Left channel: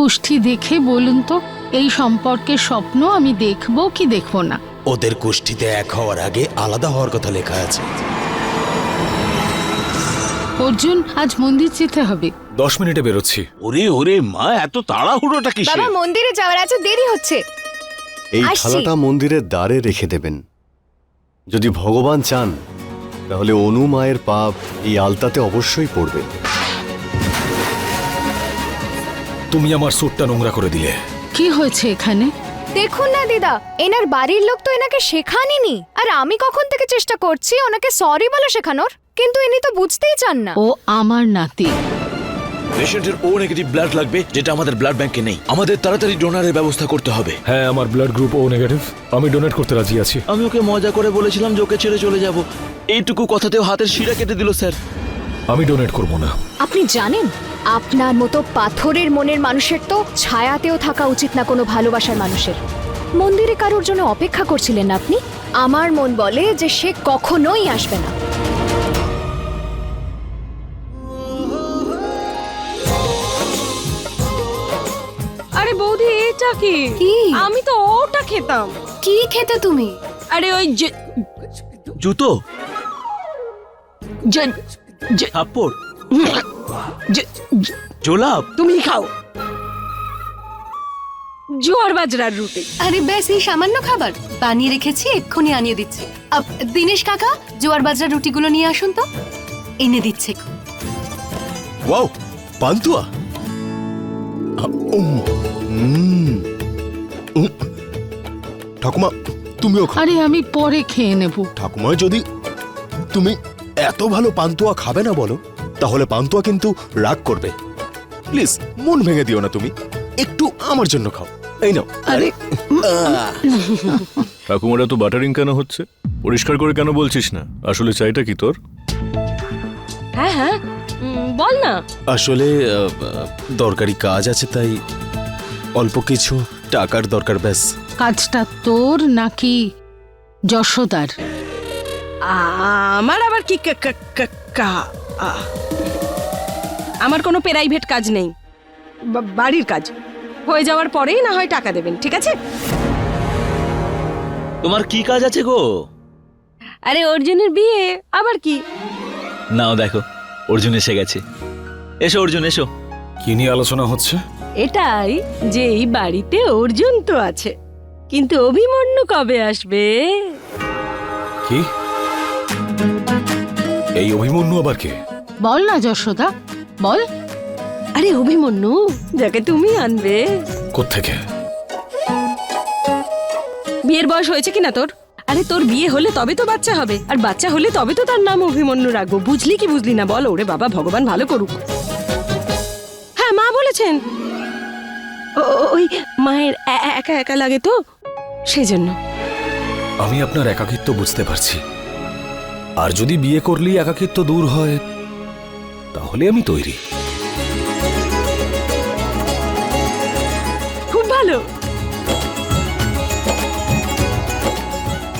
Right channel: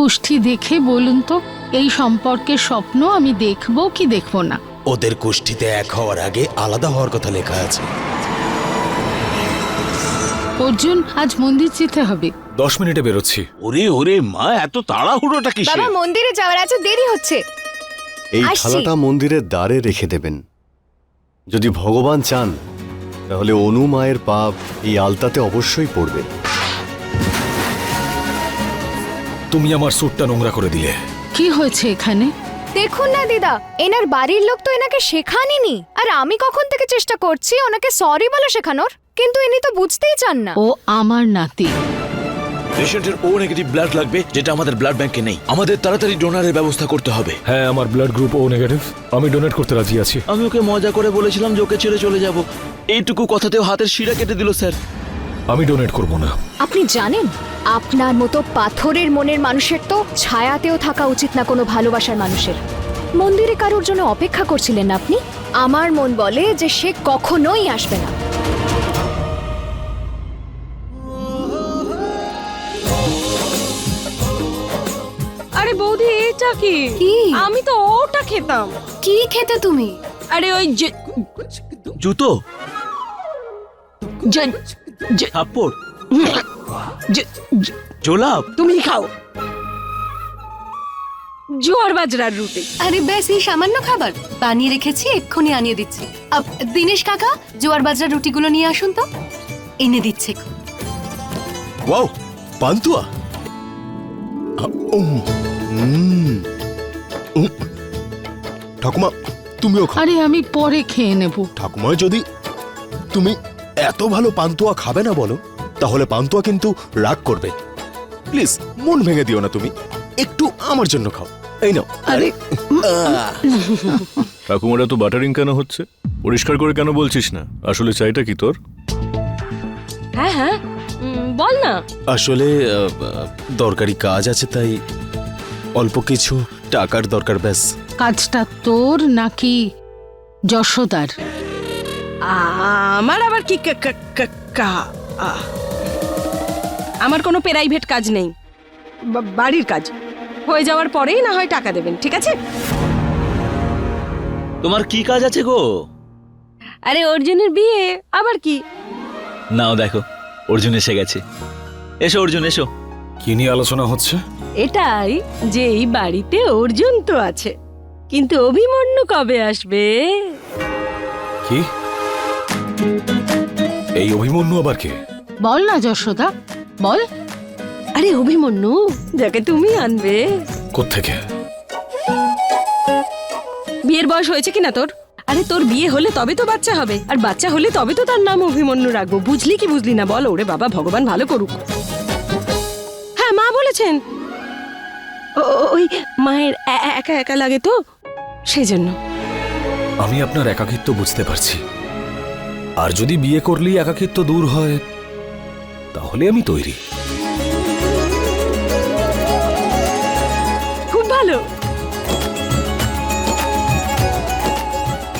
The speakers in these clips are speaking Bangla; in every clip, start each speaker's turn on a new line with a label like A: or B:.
A: কুষ্ঠি দেখে বলুন তো এই সম্পর্কের স্বপ্ন আমি দেখব কি দেখব না?
B: ওদের গোষ্ঠীতে এক হওয়ার আগে আলাদা হওয়ার কথা লেখা আছে।
A: অর্জুন আজ মন্দির যেতে হবে।
C: দশ মিনিটে বেরোচ্ছি।
D: ওরে ওরে মা এত তাড়াহুড়োটা কিসে
E: বাবা মন্দিরে যাওয়ার আছে দেরি হচ্ছে।
F: এই। থালাটা মন্দিরের দ্বারে রেখে দেবেন। যদি ভগবান চান তাহলে অনু মায়ের পাপ এই আলতাতে অবশ্যই পড়বে।
C: তুমি আমার স্যুটটা নোংরা করে দিলে।
A: কি হয়েছে এখানে?
E: দেখুন না দিদা। এনার বাড়ির লোক তো এনাকে শেখানইনি আর আমি কখন থেকে চেষ্টা করছি ওনাকে সরি বলে শেখানোর? কিন্তু ইনি তো বুঝতেই চান না।
A: ও আমার নাতি।
D: পেশেন্টের ও নেগেটিভ ব্লাড লাগবে যেটা আমাদের ব্লাড ব্যাংকে নেই। আমাদের তাড়াতাড়ি ডোনারের ব্যবস্থা করতে হবে।
C: হ্যাঁ আমার ব্লাড গ্রুপ ও নেগেটিভ আমি ডোনেট করতে রাজি আছি।
D: আমি ওকে মজা করে বলেছিলাম যে ওকে ছেড়ে চলে যাব। এইটুকু কথাতেও হাতের শিরা কেটে দিল স্যার।
C: আমি ডোনেট করব না।
E: আপনি জানেন আপনার মতো পাথরের মনের মানুষের তো ছায়াতেও থাকা উচিত না কোনো ভালোবাসার মানুষের। মন্দিরে কারোর জন্য অপেক্ষা করছিলেন না আপনি? আমার মন বলে যে সে কখনোই আসবে না।
G: আরে বৌদি এটা কি?
E: কি?
G: আমি তো ওটা খেতাম।
E: কি খেতে তুমি?
G: আরে ওই যে
D: জুতো। থাপ্পড়? জোলাপ
G: তুমি খাও। জোয়ার বাজরার রুটি।
H: আরে ব্যাস এই সামান্য খাবার। বানিয়ে রেখেছি এক্ষুনি আনিয়ে দিচ্ছি। আপ, দিনেশ কাকা জোয়ার বাজরা রুটিগুলো নিয়ে আসুন তো। এনে দিচ্ছে।
B: ওয়াও পান্তুয়া। উম, উম, উম। ঠাকুমা তুমিও খাও।
A: আরে আমি পরে খেয়ে নেব।
B: ঠাকুমা যদি তুমি এত ভালো পান্তুয়া খাবে না বলো? তাহলে পান্তুয়া কিন্তু রাগ করবে। প্লিজ মন ভেঙে দিও না তুমি। একটু আমার জন্য খাও। এই নাও।
A: আরে
B: আহ,
C: ঠাকুমারা তো বাটারিং কেন হচ্ছে? পরিষ্কার করে কেন বলছিস না? আসলে চাইটা কি তোর?
G: হ্যাঁ হ্যাঁ। বল না।
B: আসলে দরকারি কাজ আছে তাই অল্প কিছু টাকার দরকার ব্যাস।
A: কাজটা তোর নাকি যশোদার?
G: আমার আবার কি আমার কোনো প্রাইভেট কাজ নেই। বা- বাড়ির কাজ। হয়ে যাওয়ার পরেই না হয় টাকা দেবেন ঠিক আছে?
D: তোমার কি কাজ আছে গো?
G: আরে অর্জুনের বিয়ে আবার কি?
D: নাও দেখো অর্জুন এসে গেছে। এসো অর্জুন এসো।
C: কি নিয়ে আলোচনা হচ্ছে?
G: এটাই যে এই বাড়িতে অর্জুন তো আছে। কিন্তু অভিমন্যু কবে আসবে?
C: কি? এই অভিমন্যু আবার কে?
A: বল না যশোদা বল।
G: আরে অভিমন্যু যাকে তুমি আনবে।
C: কোত্থেকে?
G: বিয়ের বয়স হয়েছে কিনা তোর? আরে তোর বিয়ে হলে তবে তো বাচ্চা হবে আর বাচ্চা হলে তবে তো তার নাম অভিমন্যু রাখব। বুঝলি কি বুঝলি না বল ওরে বাবা ভগবান ভালো করুক। হ্যাঁ মা বলেছেন। ওই মায়ের একা একা লাগে তো সেই জন্য
C: আমি আপনার একাকিত্ব বুঝতে পারছি। আর যদি বিয়ে করলেই একাকিত্ব দূর হয় তাহলে আমি তৈরি।
G: খুব ভালো।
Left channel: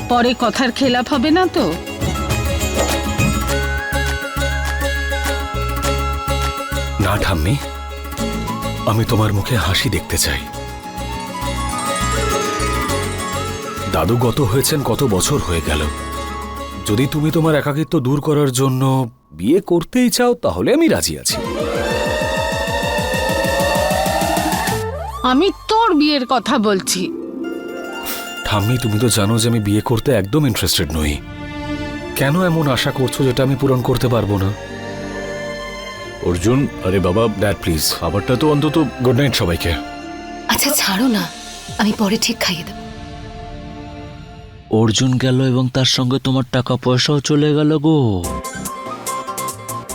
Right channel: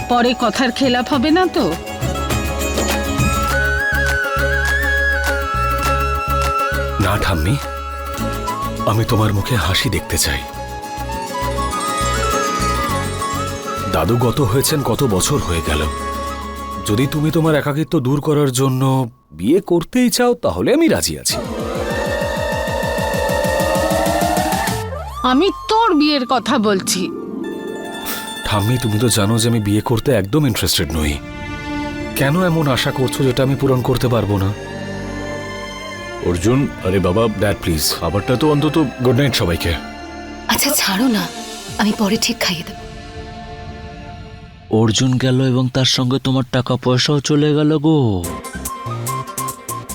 A: পরে কথার খেলাপ হবে না তো?
C: না ঠাম্মি। আমি তোমার মুখে হাসি দেখতে চাই। দাদু গত হয়েছেন কত বছর হয়ে গেল। যদি তুমি তোমার একাকিত্ব দূর করার জন্য বিয়ে করতেই চাও তাহলে আমি রাজি আছি।
A: আমি তোর বিয়ের কথা বলছি।
C: ঠাম্মি তুমি তো জানো যে আমি বিয়ে করতে একদম ইন্টারেস্টেড নই। কেন এমন আশা করছ যেটা আমি পূরণ করতে পারব না? অর্জুন আরে বাবা ড্যাড প্লিজ খাবারটা তো অন্তত গুড নাইট সবাইকে।
H: আচ্ছা ছাড়ো না। আমি পরে ঠিক খাইয়ে দেবো।
D: অর্জুন গেল এবং তার সঙ্গে তোমার টাকা পয়সাও চলে গেল গো।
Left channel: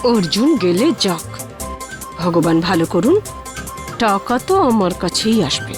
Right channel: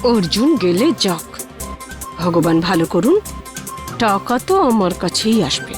G: অর্জুন গেলে যাক। ভগবান ভালো করুন, টাকা তো আমার কাছেই আসবে।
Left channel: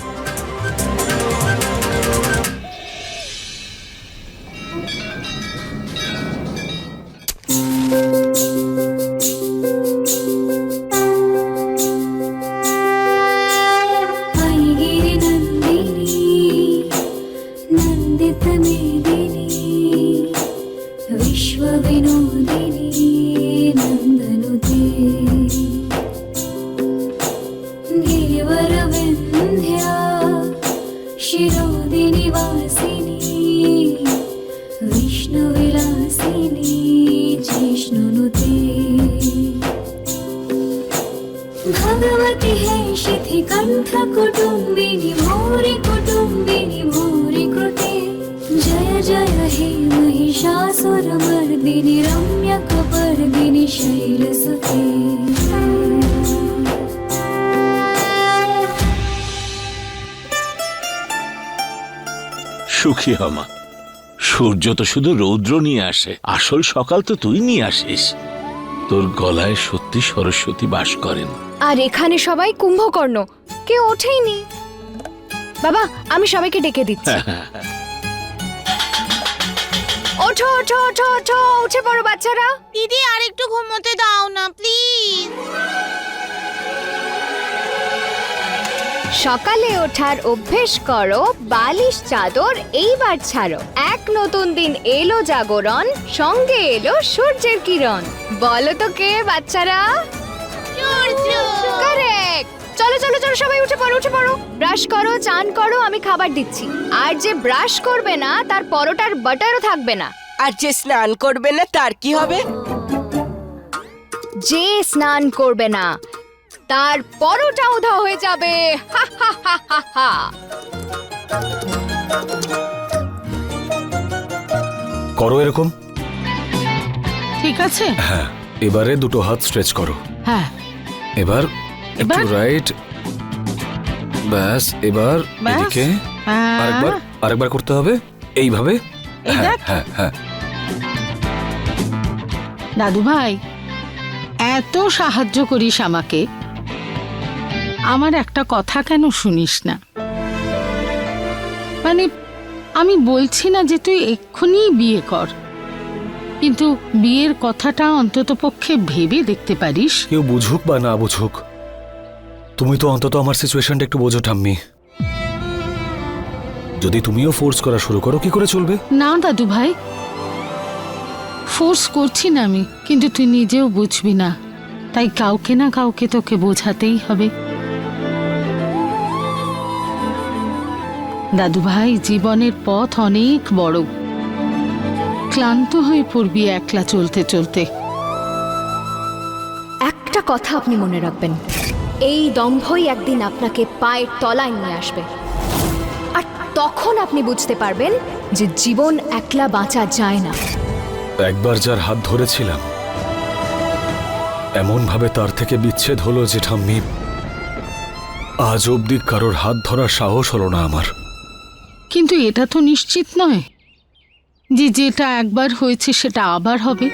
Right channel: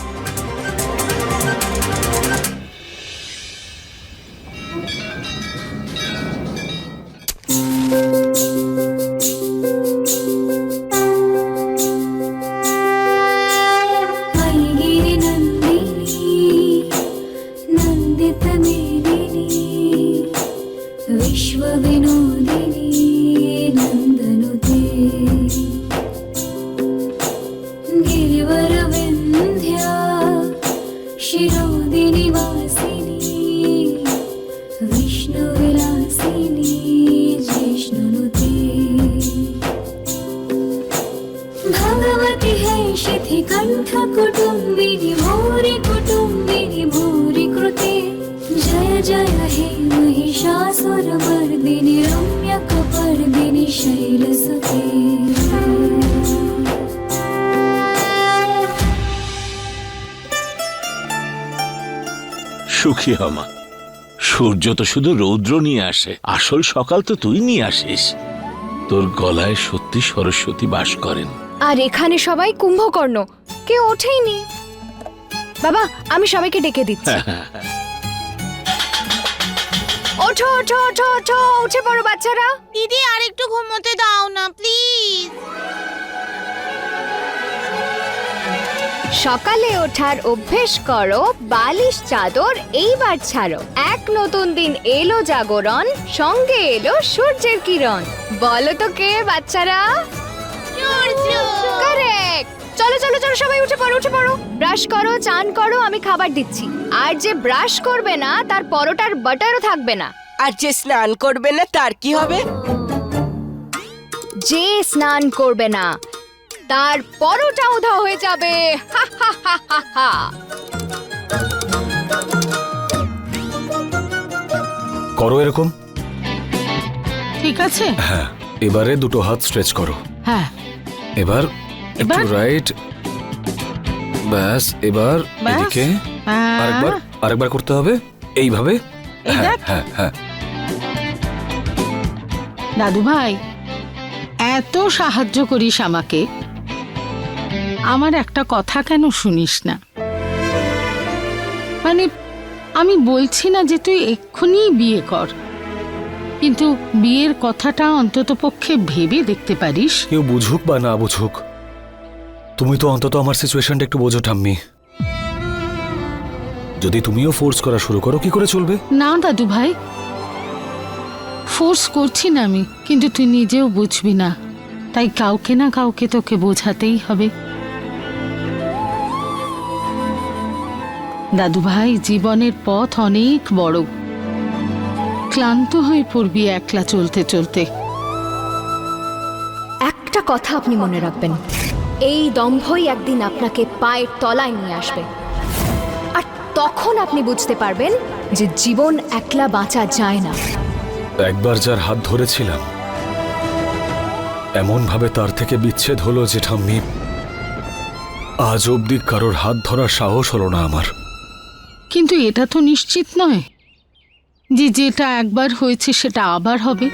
I: সুখী হমা সূর্য তো শুধু রৌদ্র নিয়ে আসে। আসল সকাল তো তুই নিয়ে আসিস। তোর গলায় সত্যি সরস্বতী বাস করেন।
E: আর এখানে সবাই কুম্ভকর্ণ। কেউ ওঠেইনি। বাবা আমি সবাইকে ডেকে দিচ্ছি। ওঠো ওঠো ওঠো ওঠো উঠে পড়ো বাচ্চারা।
J: দিদি আর একটু ঘুমোতে দাও না প্লিজ।
E: সকালে ওঠার অভ্যেস করো বালিশ চাদর এইবার ছাড়ো। এক নতুন দিন এলো জাগরণ সঙ্গে এলো সূর্যের কিরণ। বলো তো কে বাচ্চারা? কারেক্ট চলো চলো চলো সবাই উঠে পড়ো উঠে পড়ো। ব্রাশ করো চান করো আমি খাবার দিচ্ছি। আর যে ব্রাশ করবে না তার পরোটার বাটারও থাকবে না।
G: আর যে স্নান করবে না তার কি হবে?
E: যে স্নান করবে না তার পরোটা উধা হয়ে যাবে। হা হা হা হা হা।
C: করো এরকম।
A: ঠিক আছে।
C: হ্যাঁ এবারে দুটো হাত স্ট্রেচ করো।
A: হ্যাঁ।
C: এবার একটু রাইট ব্যাস এবার
A: ব্যাস?
C: এদিকে
A: হ্যাঁ।
C: আরেকবার আরেকবার করতে হবে। এইভাবে?
A: এই
C: হ্যাঁ
A: দেখ।
C: হ্যাঁ হ্যাঁ।
A: দাদু ভাই এত সাহায্য করিস আমাকে। আমার একটা কথা কেন শুনিস না? মানে আমি বলছি না যে তুই এক্ষুনি বিয়ে কর কিন্তু বিয়ের কথাটা অন্তত পক্ষে ভেবে দেখতে পারিস?
C: কেউ বুঝুক বা না বুঝুক তুমি তো অন্তত আমার সিচুয়েশনটা একটু বোঝো ঠাম্মি। যদি তুমিও ফোর্স করা শুরু করো কি করে চলবে?
A: না দাদু ভাই। ফোর্স করছি না আমি কিন্তু তুই নিজেও বুঝবি না। তাই কাউকে না কাউকে তোকে বোঝাতেই হবে। দাদু ভাই জীবনের পথ অনেক বড়। ক্লান্ত হয়ে পড়বি একলা চলতে চলতে।
E: একটা কথা আপনি মনে রাখবেন এই দম্ভই একদিন আপনাকে পায়ের তলায় নিয়ে আসবে। আর তখন আপনি বুঝতে পারবেন যে জীবন একলা বাঁচা যায় না।
C: একবার যার হাত ধরেছিলাম এমন ভাবে তার থেকে বিচ্ছেদ হলো যে ঠাম্মি আজ অবধি কারোর হাত ধরার সাহস হলো না আমার।
A: কিন্তু এটা তো নিশ্চিত নয় যে যেটা একবার হয়েছে সেটা আবার হবে।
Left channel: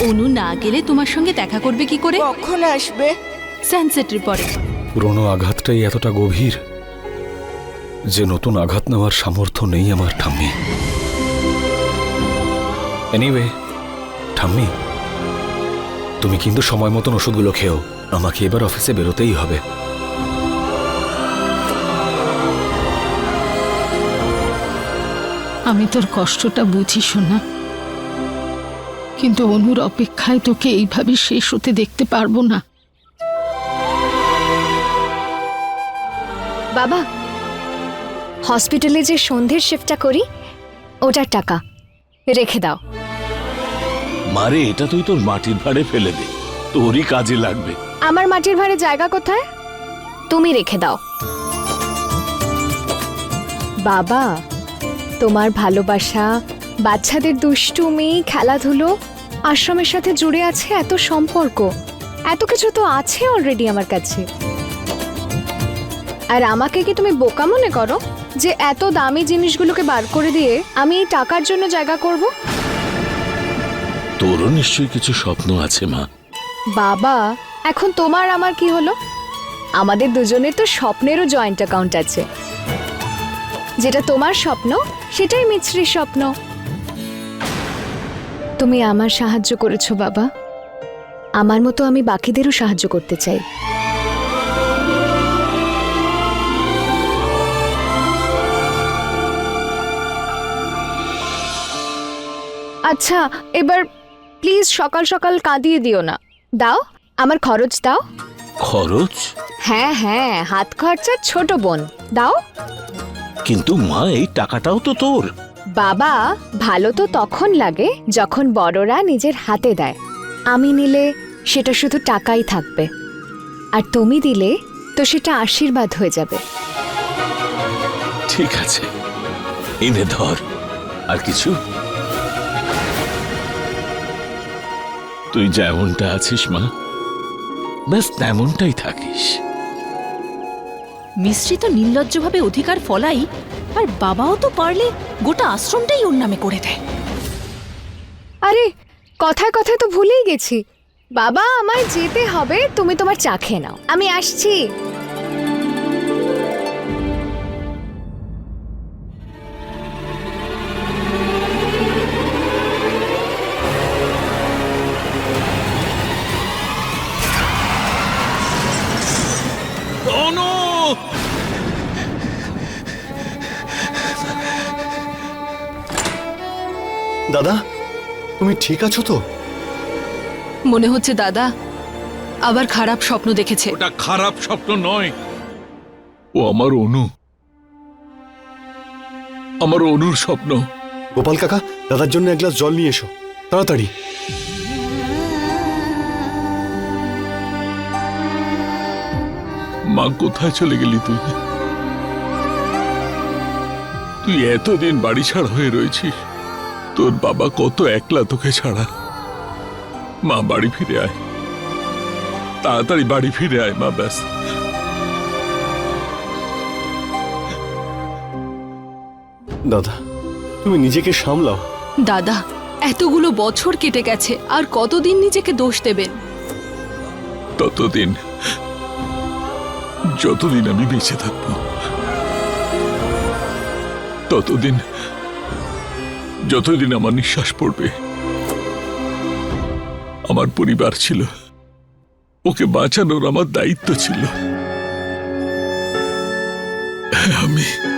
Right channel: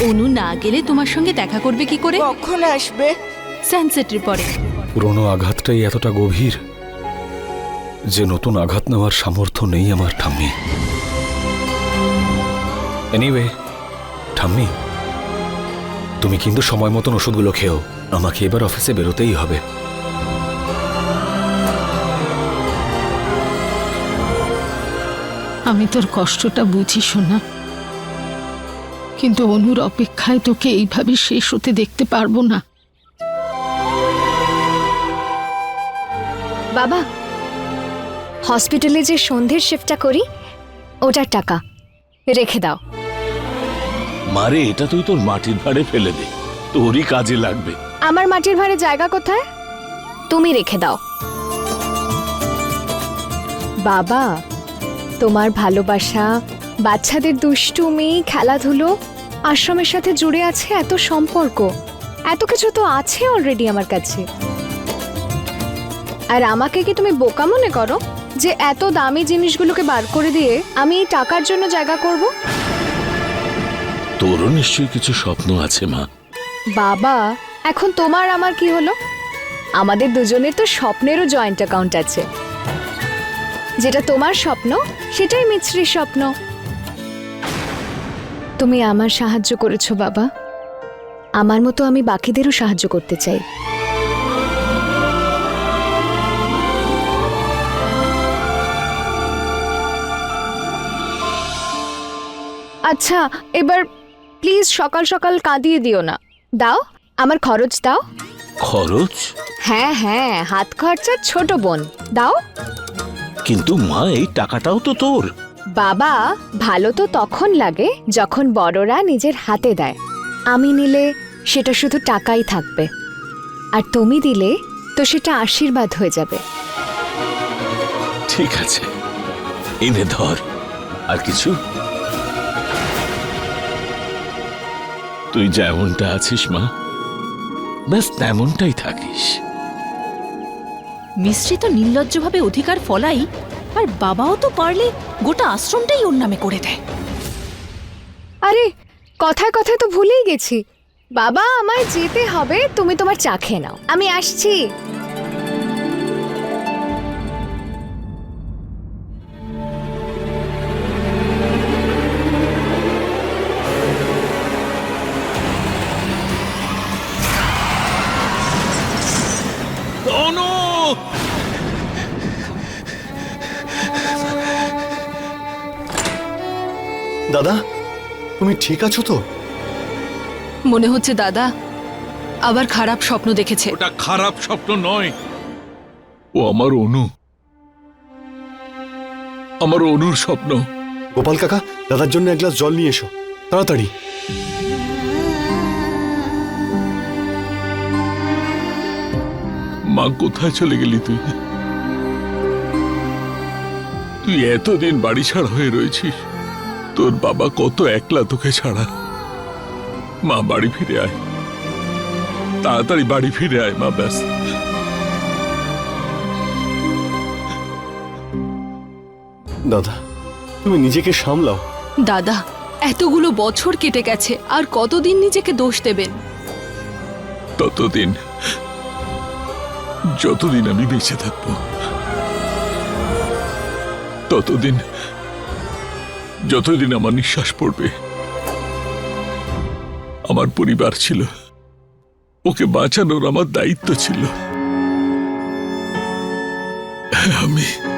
H: অনু না গেলে তোমার সঙ্গে দেখা করবে কি করে?
G: কখন আসবে?
H: সানসেটের পরে।
C: পুরনো আঘাতটাই এতটা গভীর যে নতুন আঘাত নেওয়ার সামর্থ্য নেই আমার ঠাম্মি। এনিওয়ে ঠাম্মি তুমি কিন্তু সময় মতন ওষুধগুলো খেও। আমাকে এবার অফিসে বেরোতেই হবে।
A: আমি তোর কষ্টটা বুঝি শোনা কিন্তু অনুর অপেক্ষায় তোকে এইভাবে শেষ হতে দেখতে পারব না।
E: বাবা হসপিটালে যে সন্ধ্যের শিফটটা করি ওটার টাকা। রেখে দাও।
I: মারে এটা তুই তোর মাটির ভাড়ে ফেলে দে। তোরই কাজে লাগবে।
E: আমার মাটির ভাড়ে জায়গা কোথায়? তুমি রেখে দাও। বাবা তোমার ভালোবাসা বাচ্চাদের দুষ্টুমি খেলাধুলো আশ্রমের সাথে জুড়ে আছে এত সম্পর্ক। এত কিছু তো আছে অলরেডি আমার কাছে। আর আমাকে কি তুমি বোকা মনে করো যে এত দামি জিনিসগুলোকে বার করে দিয়ে আমি এই টাকার জন্য জায়গা করব?
I: তোরও নিশ্চয়ই কিছু স্বপ্ন আছে মা।
E: বাবা এখন তোমার আমার কি হলো? আমাদের দুজনের তো স্বপ্নেরও জয়েন্ট অ্যাকাউন্ট আছে। যেটা তোমার স্বপ্ন সেটাই মিছরির স্বপ্ন। তুমি আমার সাহায্য করেছ বাবা। আমার মতো আমি বাকিদেরও সাহায্য করতে চাই। আচ্ছা এবার প্লিজ সকাল সকাল কাঁদিয়ে দিও না। দাও আমার খরচ দাও।
I: খরচ?
E: হ্যাঁ হ্যাঁ হাত খরচার ছোট বোন। দাও।
I: কিন্তু মা এই টাকাটাও তো তোর।
E: বাবা ভালো তো তখন লাগে যখন বড়রা নিজের হাতে দেয়। আমি নিলে সেটা শুধু টাকাই থাকবে। আর তুমি দিলে তো সেটা আশীর্বাদ হয়ে যাবে।
I: ঠিক আছে এনে ধর। আর কিছু? তুই যেমনটা আছিস মা ব্যাস তেমনটাই থাকিস।
K: মিস্ত্রি তো নির্লজ্জভাবে অধিকার ফলাই, আর বাবাও তো পারলে গোটা আশ্রমটাই ওর নামে করে দেয়।
E: আরে, কথায় কথায় তো ভুলেই গেছি। বাবা, আমায় যেতে হবে, তুমি তোমার চা খেয়ে নাও। আমি আসছি।
F: তুমি ঠিক আছো তো?
H: মনে হচ্ছে দাদা আবার খারাপ স্বপ্ন দেখেছে।
I: ওটা খারাপ স্বপ্ন নয়। ও আমার অনু। আমার অনুর স্বপ্ন।
F: গোপাল কাকা দাদার জন্য এক গ্লাস জল নিয়ে এসো। তাড়াতাড়ি।
I: মা কোথায় চলে গেলি তুই? তুই এতদিন বাড়ি ছাড়া হয়ে রয়েছিস। তোর বাবা কত একলা তোকে ছাড়া। মা বাড়ি ফিরে আয়। তাড়াতাড়ি বাড়ি ফিরে আয় মা ব্যাস।
F: দাদা তুমি নিজেকে সামলাও।
H: দাদা এতগুলো বছর কেটে গেছে আর কতদিন নিজেকে দোষ দেবেন?
I: ততদিন যতদিন আমি বেঁচে থাকব ততদিন যতদিন আমার নিঃশ্বাস পড়বে আমার পরিবার ছিল। ওকে বাঁচানোর আমার দায়িত্ব ছিল। আমি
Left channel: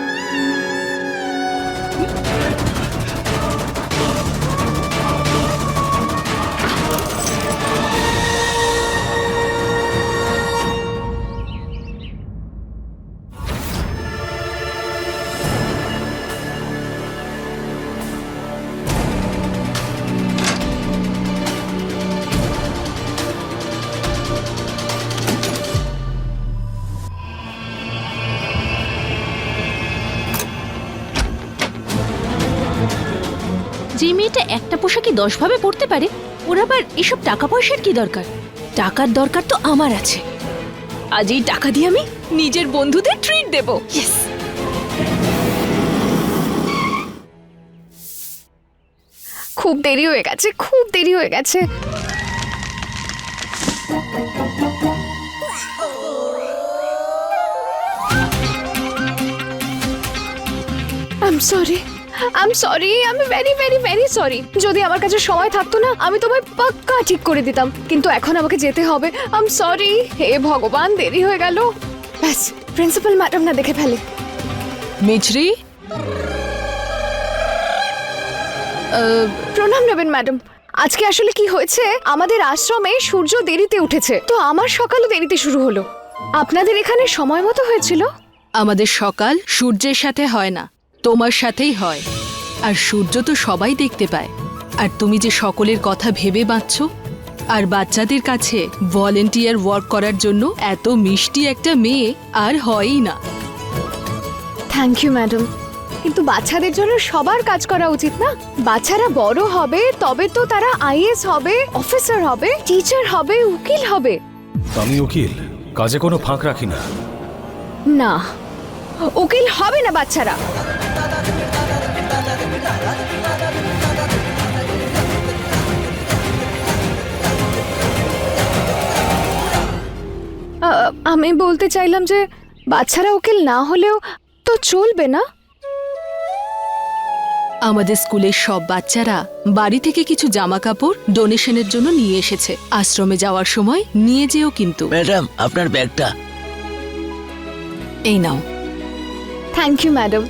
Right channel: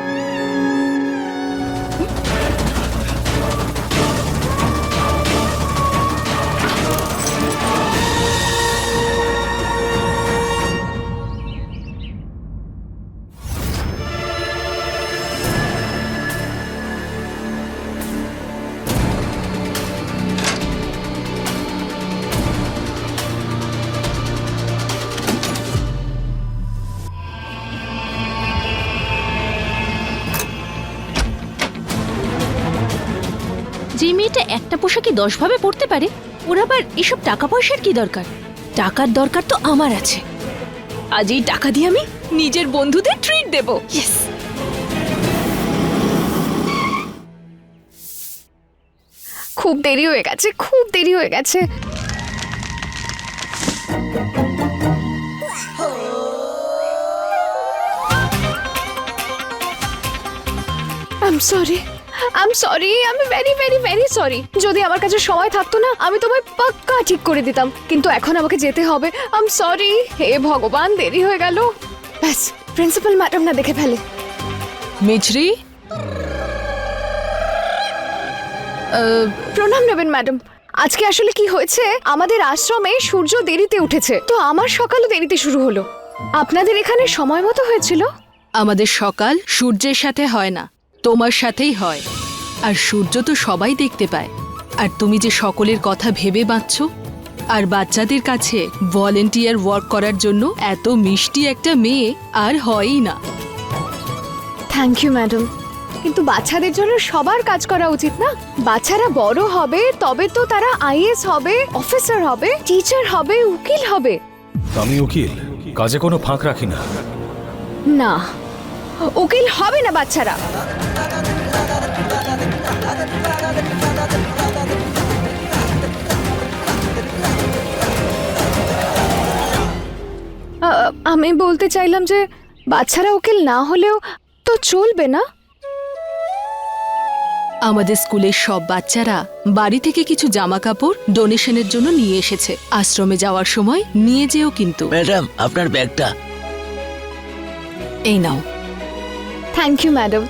K: একটা পোশাকই দশ ভাবে পড়তে পারে, ওর আবার এসব টাকা পয়সার কি দরকার? টাকার দরকার তো আমার আছে। আজ এই টাকা দিয়ে আমি নিজের বন্ধুদের ট্রিট দেব।
E: খুব দেরি হয়ে গেছে, খুব দেরি হয়ে গেছে। আম সরি আম সরি আমি ভেরি ভেরি ভেরি সরি যদি আমার কাছে সময় থাকতো না আমি তোমায় পাক্কা ঠিক করে দিতাম। কিন্তু এখন আমাকে যেতে হবে। আম সরি হে ভগবান দেরি হয়ে গেল। ব্যাস প্রিন্সিপাল ম্যাডাম না দেখে ফেলে।
H: মিছরি?
E: প্রণাম নেবেন ম্যাডাম আজকে আসলে কি হয়েছে? আমাদের আশ্রমে সূর্য দেরিতে উঠেছে। তো আমার সকালও দেরিতে শুরু হলো। আপনাদের এখানে সময় মতো হয়েছিল?
H: আমাদের সকাল সূর্যের সাথে হয় না। তোমার সাথেই হয়। আর সূর্য তো সবাই দেখতে পায়। আর তুমি যে সকলের কথা ভেবে বাঁচছ আর বাচ্চাদের কাছে ভলেন্টিয়ার ওয়ার্ক করার জন্য এত মিষ্টি একটা মেয়ে আর হয়ই না।
E: থ্যাংক ইউ ম্যাডাম কিন্তু বাচ্চাদের জন্য সবার কাজ করা উচিত না। বাচ্চারা বড় হবে তবে তো তারা আইএস হবে অফিসার হবে টিচার হবে উকিল হবে।
C: আমি উকিল কাজে কোনো ফাঁক রাখি না।
E: না উকিল হবে না বাচ্চারা। আমি বলতে চাইলাম যে বাচ্চারা উকিল না হলেও তো চলবে না?
H: আমাদের স্কুলের সব বাচ্চারা বাড়ি থেকে কিছু জামা কাপড় ডোনেশনের জন্য নিয়ে এসেছে। আশ্রমে যাওয়ার সময় নিয়ে যেও কিন্তু।
D: ম্যাডাম আপনার ব্যাগটা।
H: এই নাও।
E: থ্যাংক ইউ ম্যাডাম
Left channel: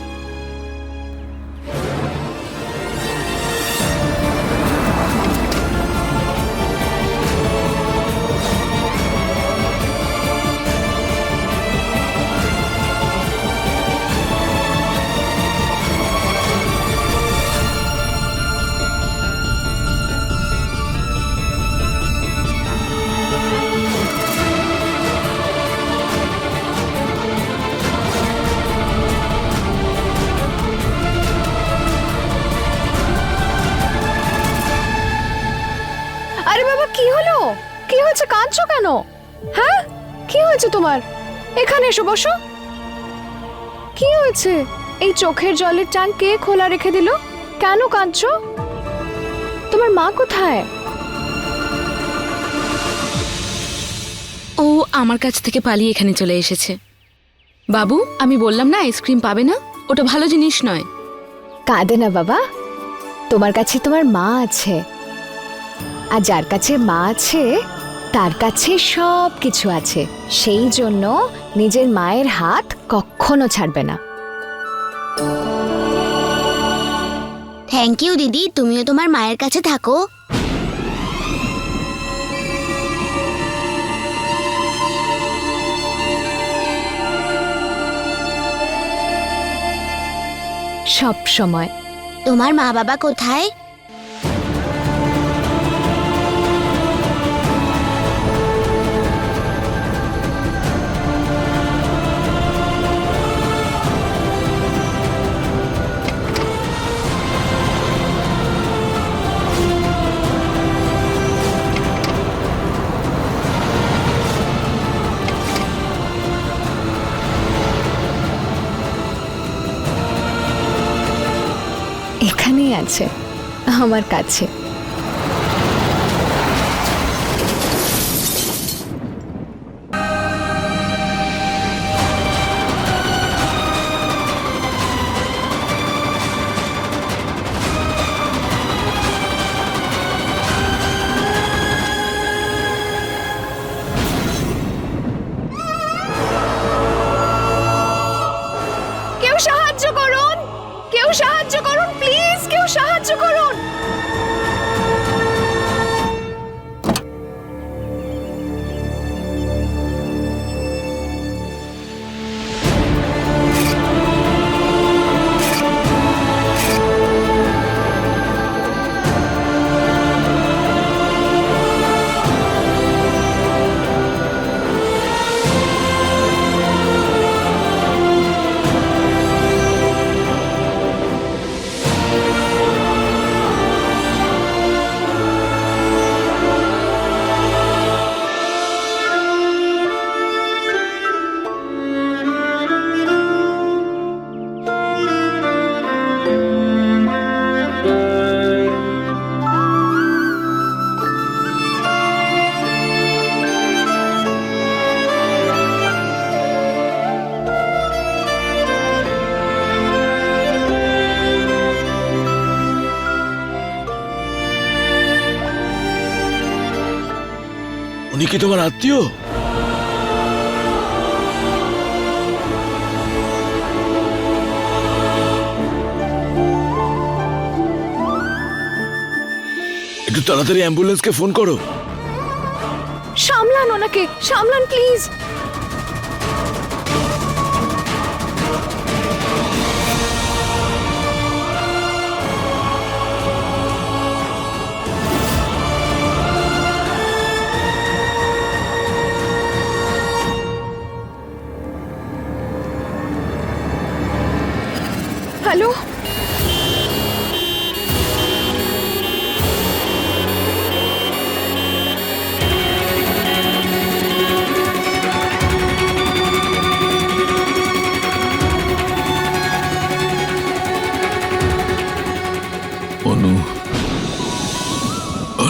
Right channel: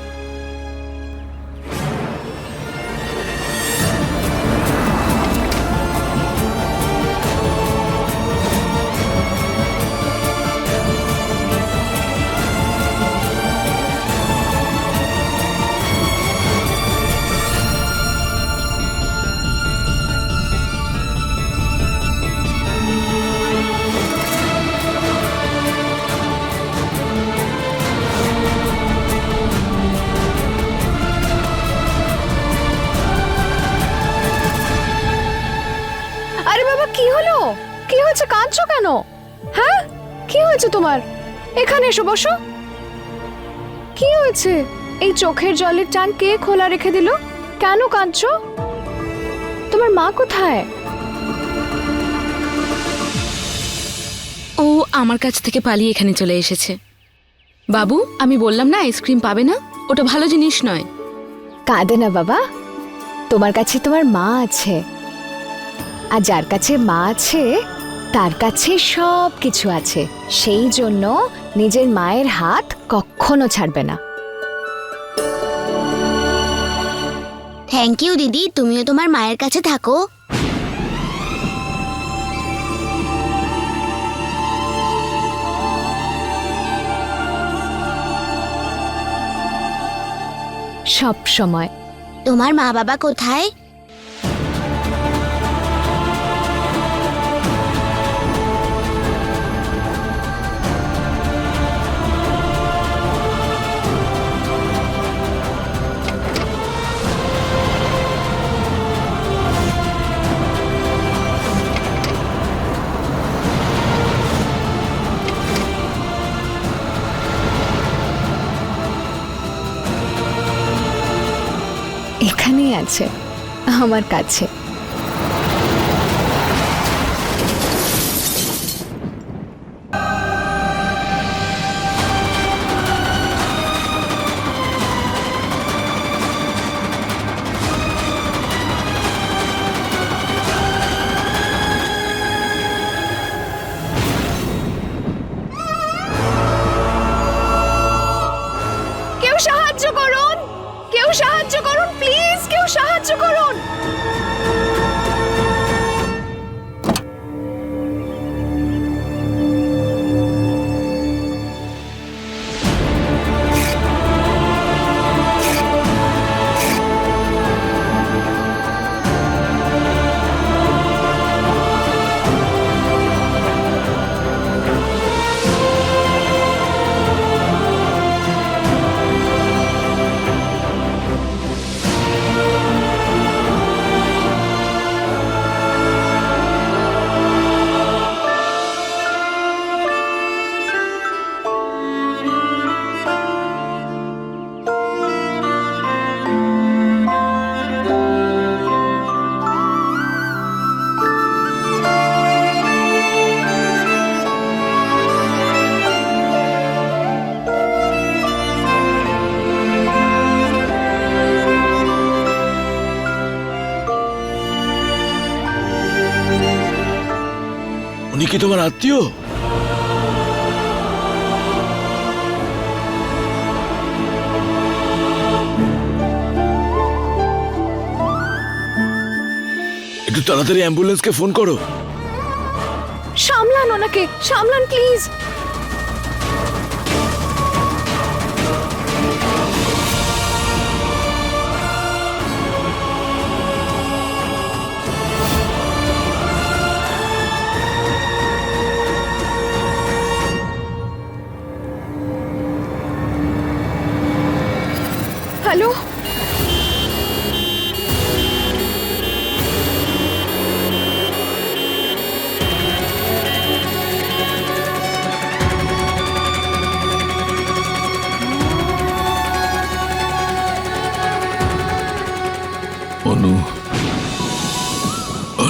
E: কি হয়েছে তোমার? এখানে এসো বসো। কি হয়েছে? এই চোখের জলের ট্যাঙ্ক কে খোলা রেখে দিল? কেন কাঁদছো? তোমার মা কোথায়?
K: ও আমার কাছ থেকে পালিয়ে এখানে চলে এসেছে। বাবু আমি বললাম না আইসক্রিম পাবে না? ওটা ভালো জিনিস নয়।
E: কাঁদে না বাবা। তোমার কাছে তোমার মা আছে। আর যার কাছে মা আছে তার কাছে সব কিছু আছে। সেই জন্য নিজের মায়ের হাত কখনো ছাড়বে না।
J: থ্যাংক ইউ দিদি। তুমিও তোমার মায়ের কাছে থাকো।
E: সব সময়।
J: তোমার মা বাবা কোথায়?
E: আছে আমার কাছে।
D: কি তোমার আত্মীয়? একটু তাড়াতাড়ি অ্যাম্বুলেন্সকে ফোন করো।
E: সামলান ওনাকে সামলান প্লিজ।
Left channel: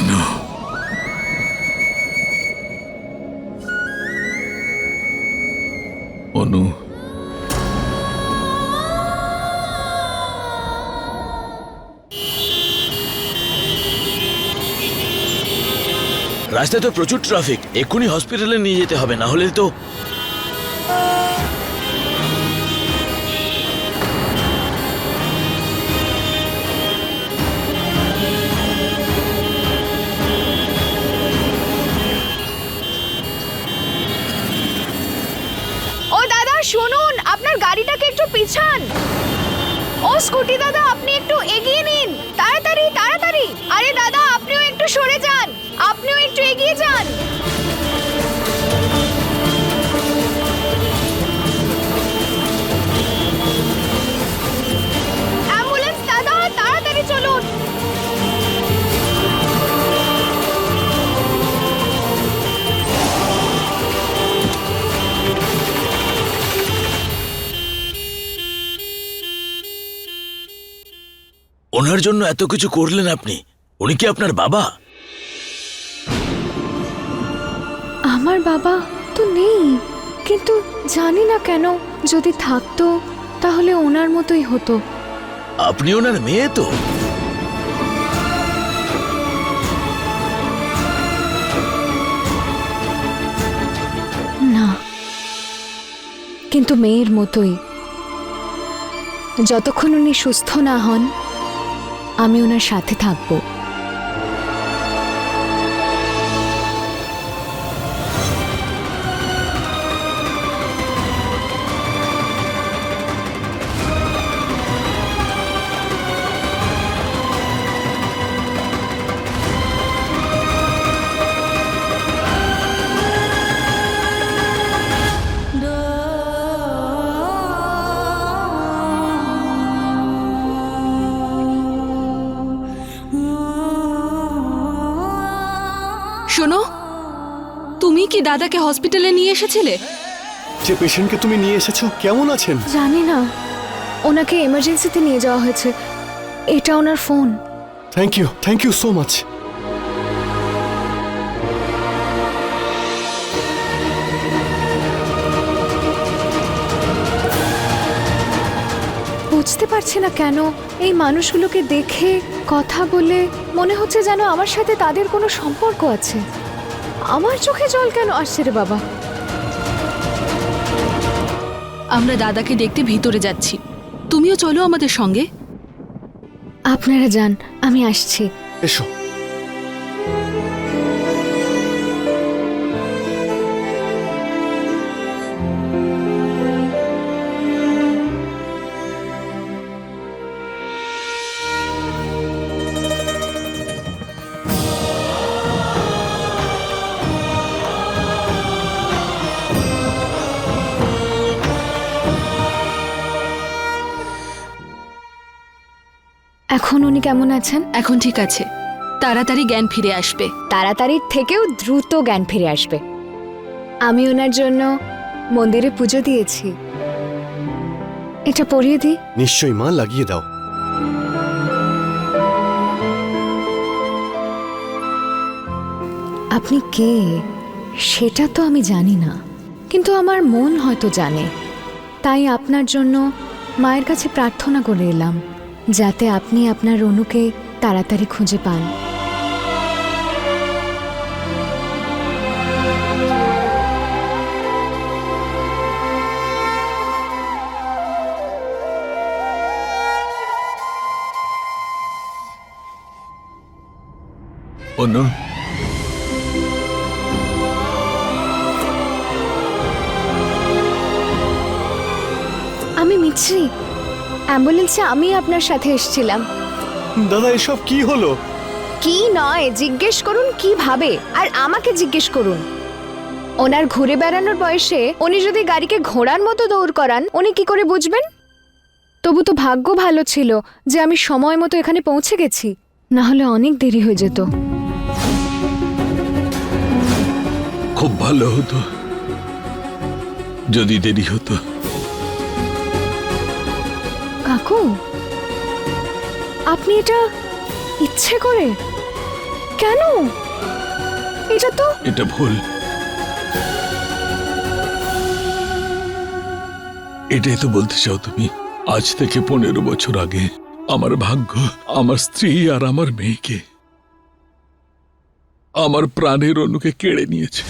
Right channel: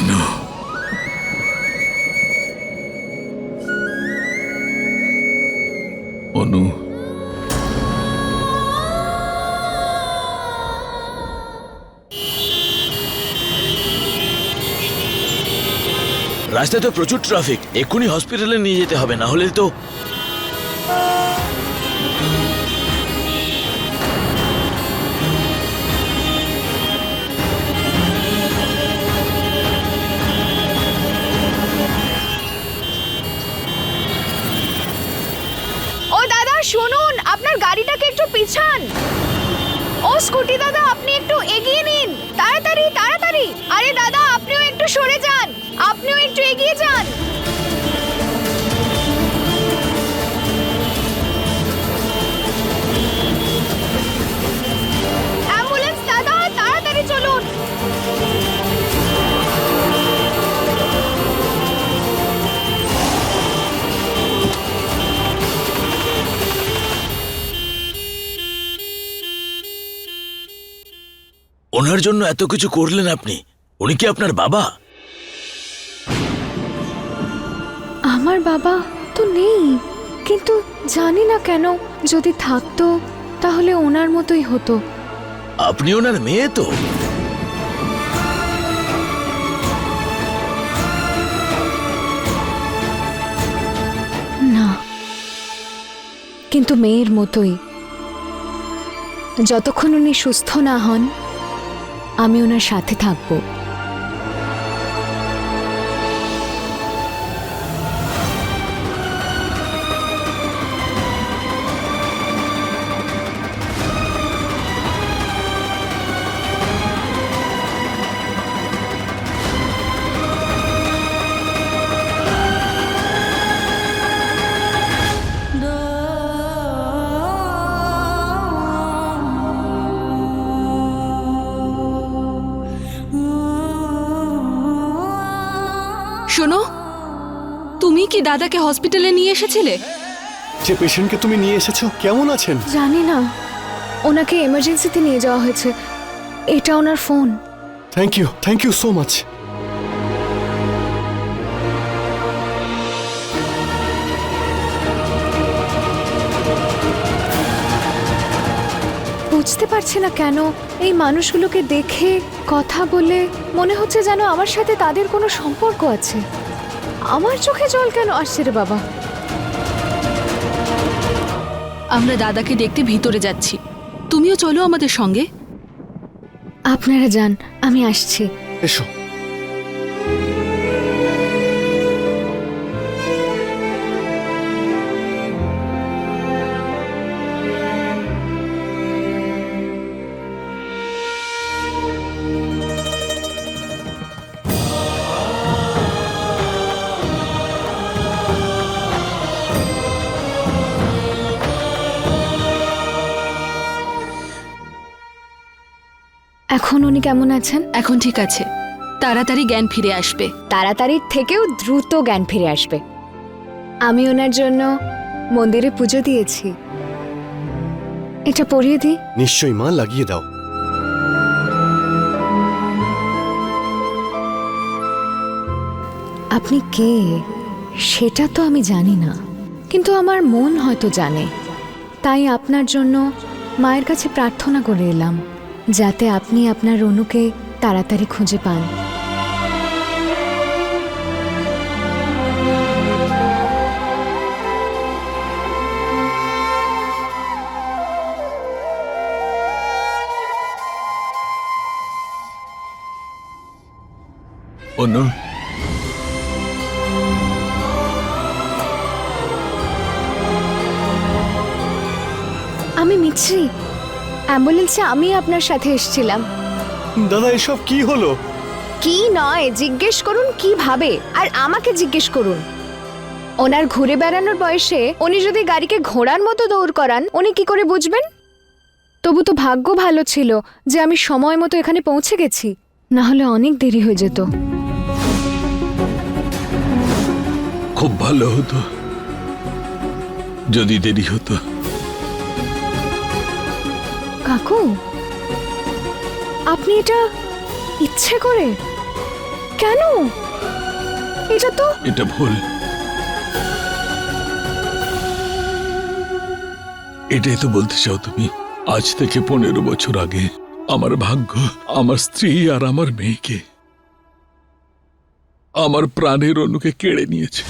I: অনু অনু।
D: রাস্তায় তো প্রচুর ট্রাফিক এক্ষুনি হসপিটালে নিয়ে যেতে হবে না হলে তো
E: স্কুটি দাদা আপনি একটু এগিয়ে
D: ওনার জন্য এত কিছু করলেন আপনি? উনি কি আপনার বাবা?
E: আমার বাবা তো নেই। কিন্তু জানি না কেন যদি থাকতো তাহলে ওনার মতোই হতো।
D: আপনি ওনার মেয়ে তো।
E: না। কিন্তু মেয়ের মতোই। যতক্ষণ উনি সুস্থ না হন আমি ওনার সাথে থাকব।
H: দাদাকে হসপিটালে নিয়ে এসেছিলে?
F: যে পেশেন্টকে তুমি নিয়ে এসেছ কেমন আছেন?
E: জানি না। ওনাকে এমার্জেন্সিতে নিয়ে যাওয়া হয়েছে। এটা ওনার phone.
F: Thank you thank you so much
E: বুঝতে পারছি না কেন এই মানুষগুলোকে দেখে কথা বলে মনে হচ্ছে যেন আমার সাথে তাদের কোনো সম্পর্ক আছে। আমার চোখে জল কেন আসছে রে বাবা?
H: আমরা দাদাকে দেখতে ভিতরে যাচ্ছি। তুমিও চলো আমাদের সঙ্গে।
E: আপনারা যান আমি আসছি।
F: এসো।
E: এখন উনি কেমন আছেন?
H: এখন ঠিক আছে। তাড়াতাড়ি জ্ঞান ফিরে আসবে।
E: তাড়াতাড়ির থেকেও দ্রুত জ্ঞান ফিরে আসবে। আমি ওনার জন্য মন্দিরে পুজো দিয়েছি। এটা পরিয়ে দিই?
F: নিশ্চয়ই মা লাগিয়ে দাও।
E: আপনি কে? সেটা তো আমি জানি না। কিন্তু আমার মন হয়তো জানে। তাই আপনার জন্য মায়ের কাছে প্রার্থনা করে এলাম। যাতে আপনি আপনার রনুকে তাড়াতাড়ি খুঁজে পান। আমি মিছরি। অ্যাম্বুলেন্সে আমি আপনার সাথে এসেছিলাম।
F: দাদা এসব কি হলো?
E: কি নয় জিজ্ঞেস করুন কীভাবে আর আমাকে জিজ্ঞেস করুন। ওনার ঘুরে বেড়ানোর বয়সে উনি যদি গাড়িকে ঘোড়ার মতো দৌড় করান উনি কি করে বুঝবেন? তবু তো ভাগ্য ভালো ছিল যে আমি সময় মতো এখানে পৌঁছে গেছি না হলে অনেক দেরি হয়ে যেত।
I: খুব ভালো হতো যদি দেরি হতো।
E: কাকু? আপনি এটা ইচ্ছে করে? কেন? এটা তো
I: এটা ভুল। এটাই তো বলতে চাও তুমি। আজ থেকে পনেরো বছর আগে আমার ভাগ্য, আমার স্ত্রী আর আমার মেয়েকে, আমার প্রাণের অনুকে কেড়ে নিয়েছে।